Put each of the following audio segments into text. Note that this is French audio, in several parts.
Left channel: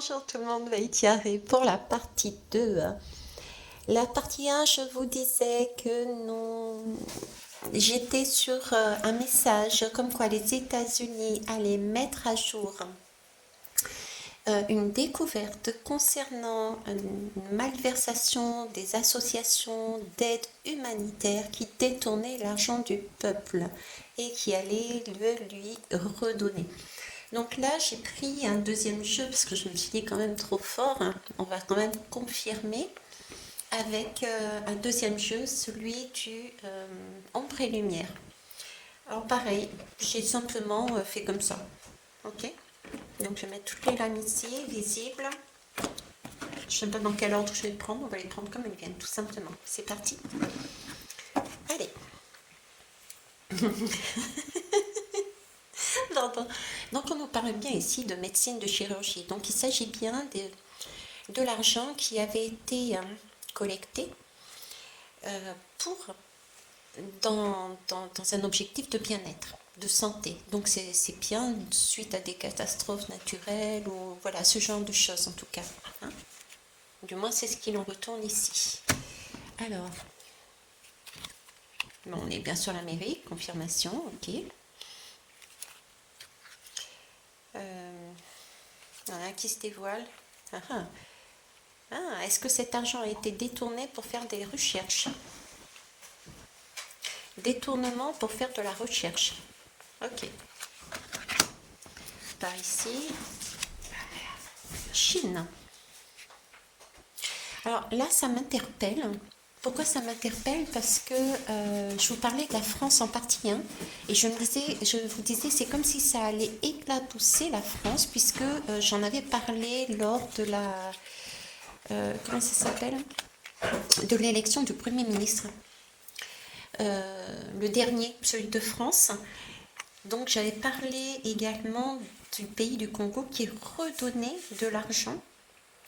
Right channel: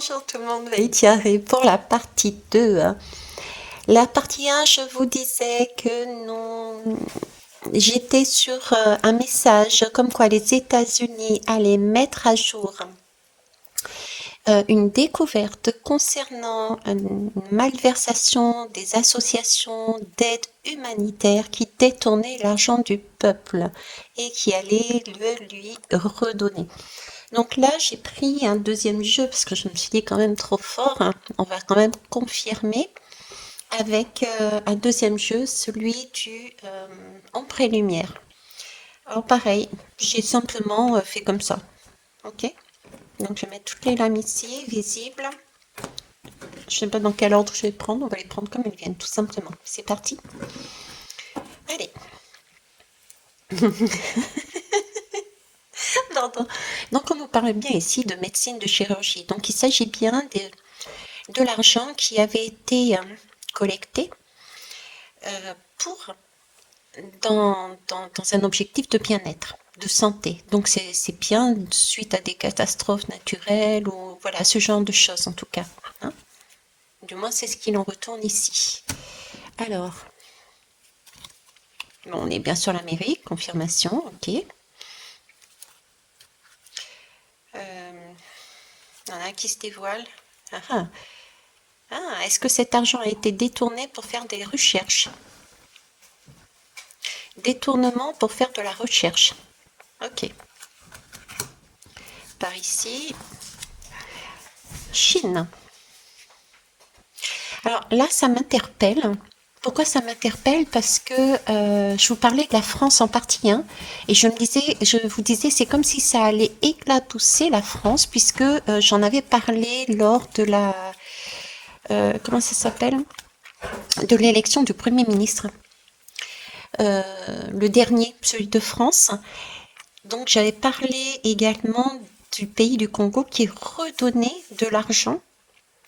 Bonjour tout le monde, Thierry pour la partie 2. La partie 1, je vous disais que non, j'étais sur un message comme quoi les États-Unis allaient mettre à jour une découverte concernant une malversation des associations d'aide humanitaire qui détournaient l'argent du peuple et qui allaient le lui redonner. Donc là, j'ai pris un deuxième jeu parce que je me suis dit quand même trop fort, hein. On va quand même confirmer avec un deuxième jeu, celui du ombre et lumière. Alors pareil, j'ai simplement fait comme ça. Ok. Donc je vais mettre toutes les lames ici, visibles. Je ne sais pas dans quel ordre je vais prendre, on va les prendre comme elles viennent, tout simplement. C'est parti. Allez. Donc on nous parle bien ici de médecine de chirurgie. Donc il s'agit bien de l'argent qui avait été collecté pour dans un objectif de bien-être, de santé. Donc c'est bien suite à des catastrophes naturelles ou voilà ce genre de choses en tout cas. Hein. Du moins c'est ce qu'il en retourne ici. Alors, bon, on est bien sur l'Amérique, confirmation, ok. Il y en a qui se dévoile. Ah, ah. Ah, est-ce que cet argent a été détourné pour faire des recherches? Détournement pour faire de la recherche. Ok. Par ici, Chine. Alors là, ça m'interpelle. Pourquoi ça m'interpelle? Parce que je vous parlais de la France en partie 1 et je vous disais, c'est comme si ça allait éclabousser la France puisque j'en avais parlé lors de la comment ça s'appelle? De l'élection du Premier ministre. Le dernier, celui de France. Donc j'avais parlé également du pays du Congo qui redonnait de l'argent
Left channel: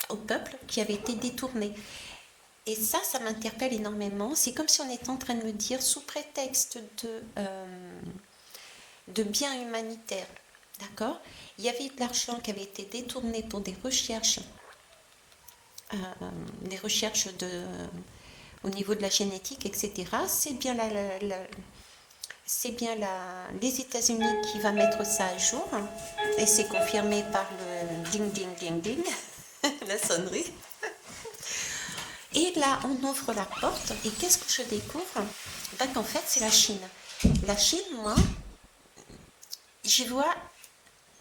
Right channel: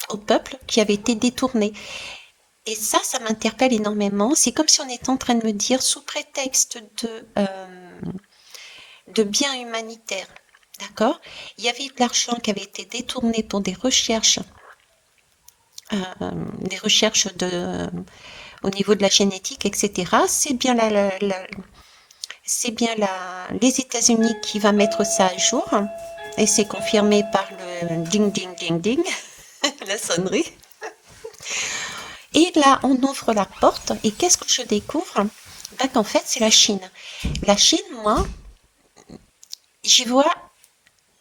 au peuple qui avait été détourné. Et ça m'interpelle énormément. C'est comme si on était en train de me dire, sous prétexte de biens humanitaires, d'accord? Il y avait de l'argent qui avait été détourné pour des recherches au niveau de la génétique, etc. C'est bien les États-Unis qui va mettre ça à jour et c'est confirmé par le ding ding ding ding, la sonnerie. Et là, on ouvre la porte et qu'est-ce que je découvre? Ben, qu'en fait, c'est la Chine. La Chine, moi, j'y vois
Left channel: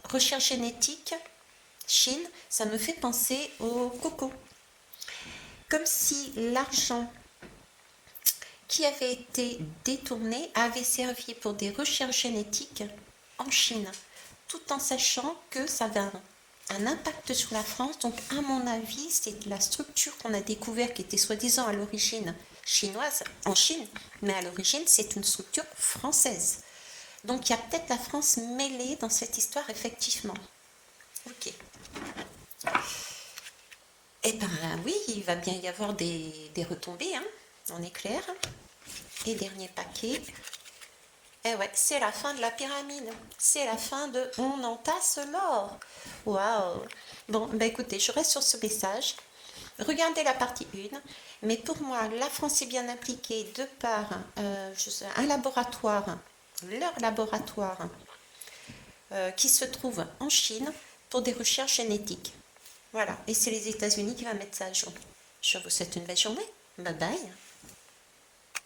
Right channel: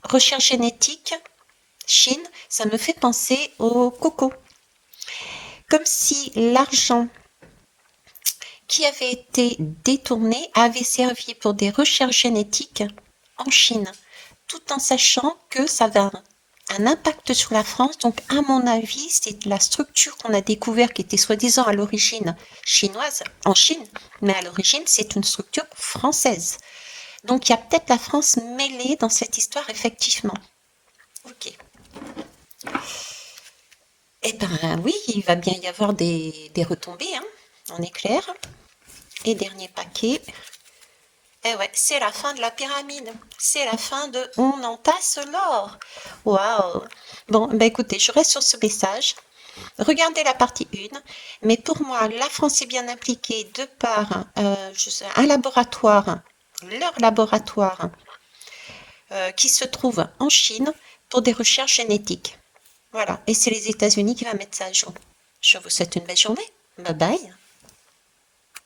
recherche génétique, Chine, ça me fait penser au coco. Comme si l'argent qui avait été détourné avait servi pour des recherches génétiques en Chine, tout en sachant que ça avait un impact sur la France. Donc à mon avis, c'est la structure qu'on a découvert qui était soi-disant à l'origine chinoise en Chine, mais à l'origine c'est une structure française. Donc il y a peut-être la France mêlée dans cette histoire effectivement. Ok. Eh ben oui, il va bien y avoir des retombées, hein, on est clair. Et dernier paquet. Eh ouais, c'est la fin de la pyramide. C'est la fin de on entasse l'or. Waouh. Bon, ben écoutez, je reste sur ce message. Regardez la partie 1. Mais pour moi, la France est bien impliquée de par un laboratoire, leur laboratoire, qui se trouve en Chine pour des recherches génétiques. Voilà. Et c'est les États-Unis qui va mettre ça à jour. Je vous souhaite une belle journée. Bye bye.